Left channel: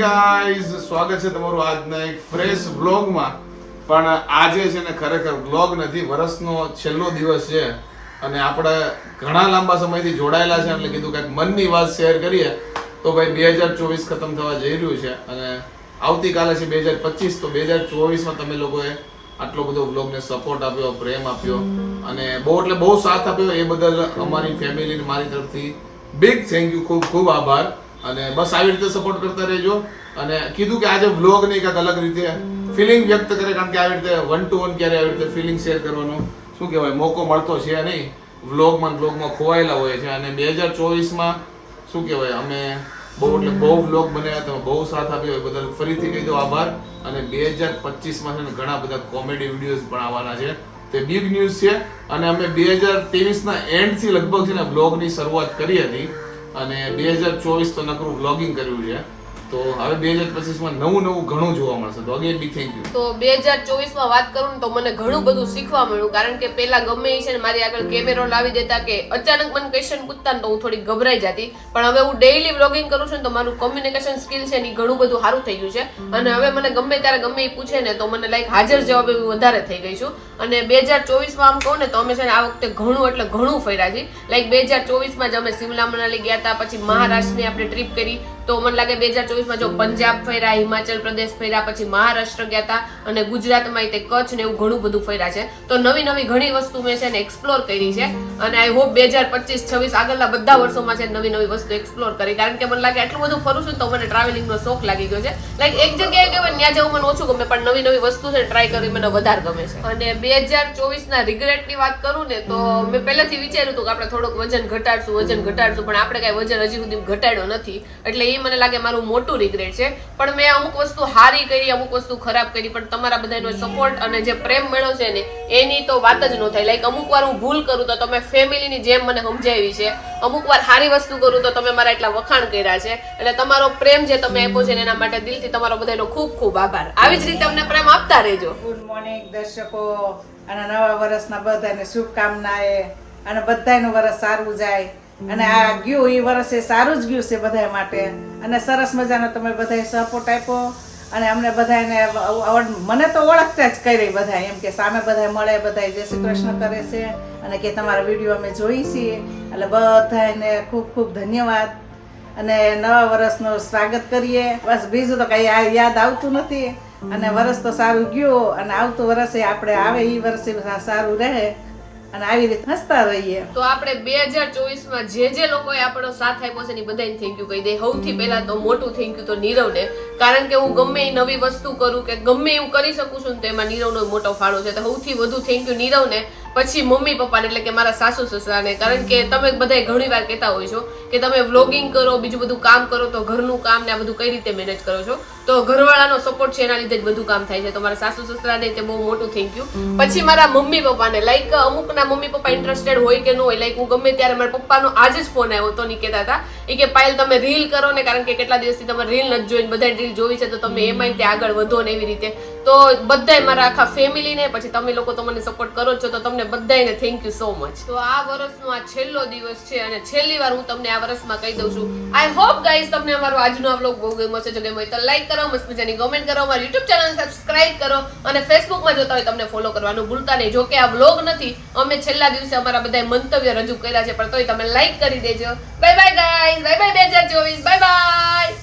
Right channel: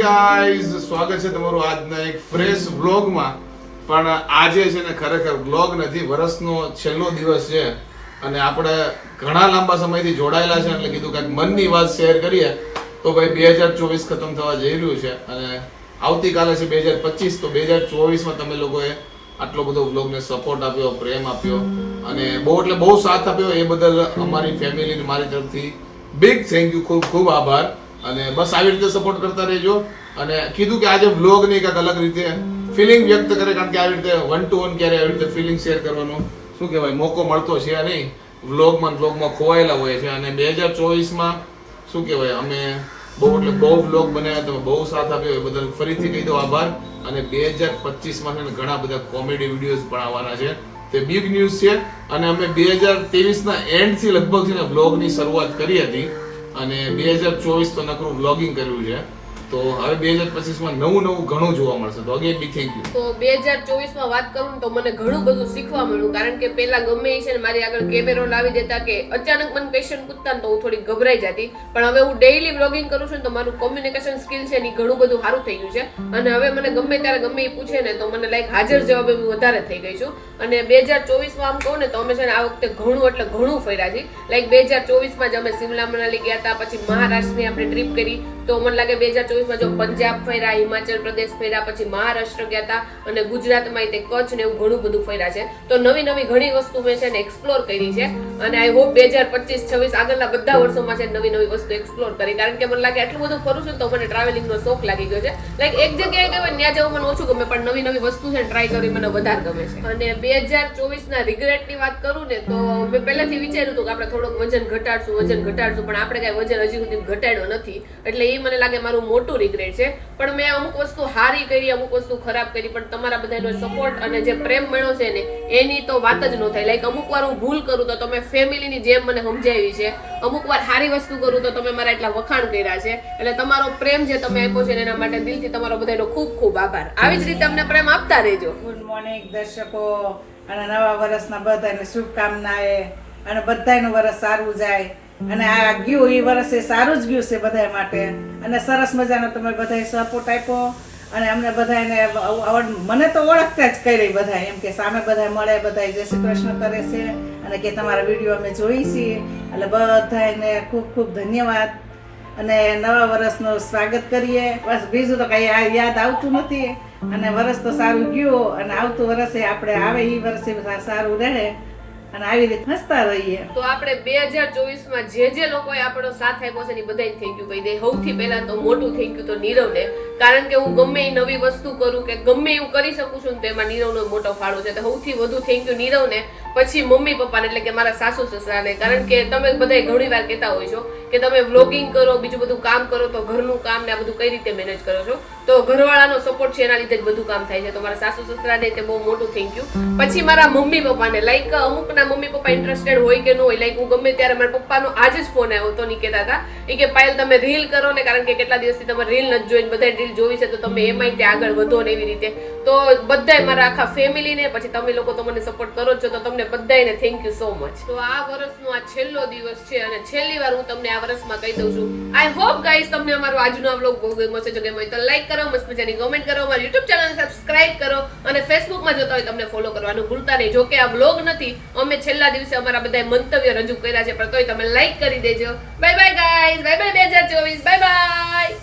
Guys, સ્વાગત છે તમારું આજના એક ફ્રેશ વ્લોગમાં. પણ આજે છે ને ખરેખર વ્લોગ નથી, વર્ષનો છેલ્લો દિવસ છે અને આપણે ઘણા લાંબા સમયથી જોડાયેલા છે એટલે કીધું કંઈક મનની વાત શેર કરીએ. તો ભાઈ 2024 ખતમ થવા જઈ રહ્યું છે અને આવતીકાલે છે 2025. તો 2024માં તમે લોકોએ આટલો બધો વ્લોગને સપોર્ટ આપ્યો, પ્રેમ આપ્યો અને બહુ સાથ આપ્યો. એ બદલ અમારી ફેમિલીને મારી તરફથી બિગ થેન્ક યુ, ખૂબ ખૂબ આભાર. અને બસ આવી રીતે સપોર્ટ કરતા રહેજો. અને કીધું કે આજે વ્લોગ નહીં, કંઈક અલગ રીતે ફિલિંગ વ્યક્ત કરે, કારણ કે આવી રીતે 1 to 1 ક્યારે આવી રીતે ફિલિંગ શેર કરવાનો શું કહેવાય મોકો મળતો છે નહીં. વ્લોગમાં ખોવાયેલા હોય છે. અને 2024માં શું કહેવાય અમે બહુ વ્લોગ બનાવ્યા, તમે બહુ સાથ આપ્યો એ બદલ ફરીથી કહી દો આભાર. અને 2025માં છે ને ઘણા બધા કોમેડી વિડીયોઝ પણ આવવાના છે, તે બિગ ન્યૂઝ છે. અને અમે 2023ના એન્ડથી લગભગ છે ને વ્લોગની શરૂઆત કરી હતી અને 2024 તો નકરું વ્લોગિંગ કર્યું છે. તો હવે 2025માં નવું ઘણું જોવા મળશે. તો અગેન બિગ થેન્ક યુ. તો 2024માં વાત કરું ને તો મને ઘણું બધું શીખવા મળ્યું, કારણ કે પેલા ગમે એ છે ને મારી આગળ કેમેરો લાવી દેતા કે અચાનક મને ક્વેશ્ચન પૂછતા ને તો હું થોડી ગભરાઈ જતી. પણ હવે હું ડેઈલી વ્લોગિંગ કરું છું ને તો મારું કોમ્યુનિકેશન સ્કિલ છે ને ઘણું બધું સારું થઈ ગયું છે. અને હવે મને ગમે ત્યારે ગમે એ પૂછે ને તો મને લાઈક હાજર જવાબ એવી વધારે થઈ ગઈ છું. અને 2024માં આમ કહું ને તો અમે છે ને આ વખતે ઘણું ફર્યા છીએ. લાઈક 2024માં જ અમે સિમલા મનાલી ગયા હતા, પછી મહારાષ્ટ્રની આપણે ટ્રીપ કરી. તો મને લાગે 2024માં જો પંજાબ ફર્યા, હિમાચલ પ્રદેશ ફર્યા, પછી મહારાષ્ટ્ર ગયા હતા અને ગુજરાતમાં તે કચ્છ ને એવું ઘણું બધું ફર્યા છે. તો નવી ઘણી વસ્તુ મેં છે ને એક્સપ્લોર કરી છે. અને આઈ હોપ 2025-26 આગળના બધા વર્ષોમાં છે નવી વસ્તુ એક્સપ્લોર કરી, કારણ કે મને લાગે આટલું બધું ફરું છું તો મને ટ્રાવેલિંગનો શોખ લાગી ગયો છે. લાઈક એક જગ્યાએ ગયો ત્યાં જવું મને ઓછું ગમે, પણ નવી વસ્તુ છે ટ્રાય કરી મને વધારે ગમે છે. અને 2024ના રિગ્રેટની વાત કરું ને તો મેં પહેલાથી વિચાર્યું હતું કે આપણે થોડુંક વજન ઘટાડશું, પણ આપણે કાંઈ વજન હજી સુધી ઘટાડ્યો નથી. એટલે એ મને લાગે મારું મોટું રિગ્રેટ છે. પણ મેં અમુક વસ્તુ સારી કરી, અમુક વસ્તુ ખરાબ કરી, પણ તમારા બધાનો સપોર્ટ અને જે પ્રેમ મળ્યો છે ને એની તો વાત જ ન થાય. લાઈક અમુક વાર હું ભૂલ કરું તો તમે ફેમિલીની જેમ મને સમજાવી છે, અમુક વાર સારી વસ્તુ કરું તો તમે મારા એટલા વખાણ કર્યા છે. એટલે તમારો પ્રેમ જે તમે આપ્યો છે એના માટે દિલથી તમારો બધાનો ખૂબ ખૂબ આભાર. આવી જ રીતે અમને પ્રેમ આપતા રહેજો. ગુડ મોર્નિંગ દર્શકો, અને નવા વર્ષના બધાને શુભકામનાએ, અને બધાનું વર્ષ સારું જાય. અને આ ગયું એ વર્ષ એ સારું જ ગયું છે બધા માટે. અને સરસ મજાનો તમે બધાએ સપોર્ટ આપ્યો. અને અમને બધાને મને તો ઓળખતા જ કરી બધા, એમ કે સામે બધા મળે, બધા જય શ્રી કૃષ્ણ કરે છે અને કે તમારા વિડીયો અમે જોઈ છીએ. એટલે બધાને ખૂબ ખૂબ ધન્યવાદ. અને નવા વર્ષનું સ્વાગત કરીએ. બસ બીજું તો કઈ યાદ આવતું નથી. અને વર્ષ તો સારું ગયું અને આવતું વર્ષે આપણે આવે એ વર્ષે સારું રહે અને આવી રીતે હસતા રહીએ. તો આપણે 2024માં જે લોકોએ આપણો સાથ આપ્યો છે ને બધાને થેન્ક યુ કહી દે. સૌથી પહેલા તો મોટું થેન્ક યુ તો નીરવને, કારણ કે હું ગમે એ નવી વસ્તુ કરું કે ગમે એવું કરી શકું છું ને તો એમાં નીરવનો મોટો ફાળો છે. તો સૌથી વધુ થેન્ક યુ નીરવને, પછી મમ્મી પપ્પાને એટલે કે મારા સાસુ સસરાને. કારણ કે તમે બધા ઘણી વાર કહેતા હોય છો કે તમે વ્લોગિંગ કરો, બીજું બધું કામ કરો, તો ઘરનું કામ ને આ બધું કઈ રીતે મેનેજ કરો છો. તો ઘરવાળાનો સપોર્ટ છે એના લીધે જ બધું કામ થાય છે. તો મારા સાસુ સસરાને તે બહુ મોટું થેન્ક યુ. પછી મારા મમ્મી પપ્પાને, લાઈક અમુકના મમ્મી પપ્પા ઇન્ટરેસ્ટેડ હોય કે ન હોય. લાઈક હું ગમે ત્યારે મારા પપ્પાનો આજ જ ફોન આવ્યો તો નહીં કહેતા હતા એ કે પાયલ તમે રીલ કરો ને, કારણ કે કેટલા દિવસથી તમે રીલ નથી જોઈને બધા રીલ જોવી છે તો તમે એમાંય ત્યાં આગળ વધો ને એવી રીતે. તો બધાય મારા આખા ફેમિલીને, પછી તમે લોકો તો મને સપોર્ટ કરો છો તો તમને બધાને થેન્ક યુ સો મચ. તો આ વર્ષનો આ છેલ્લો દિવસ છે અને છેલ્લી વાર હું તમને આ વર્ષમાં કહી દઉં છું. આઈ હોપ ગાઈઝ તમને અમારો આજનો વ્લોગ બહુ ગમ્યો છે. જો ગમ્યો હોય તો લાઈક કરો, મસ્ત મજાની કમેન્ટ કરો, અમારી યુટ્યુબ ચેનલ સબસ્ક્રાઇબ કરો અને ફેસબુકમાં જોતા હોય તમને ફોલો કરવાનું ભૂલતા નહીં. જો કે આ વ્લોગ નથી, અમે છેલ્લા દિવસે અમારા બધા મંતવ્ય રજૂ કર્યા છે, પણ તોય તમે લાઈક કરી દેજો. Bye bye guys, bye bye 2024, bye bye.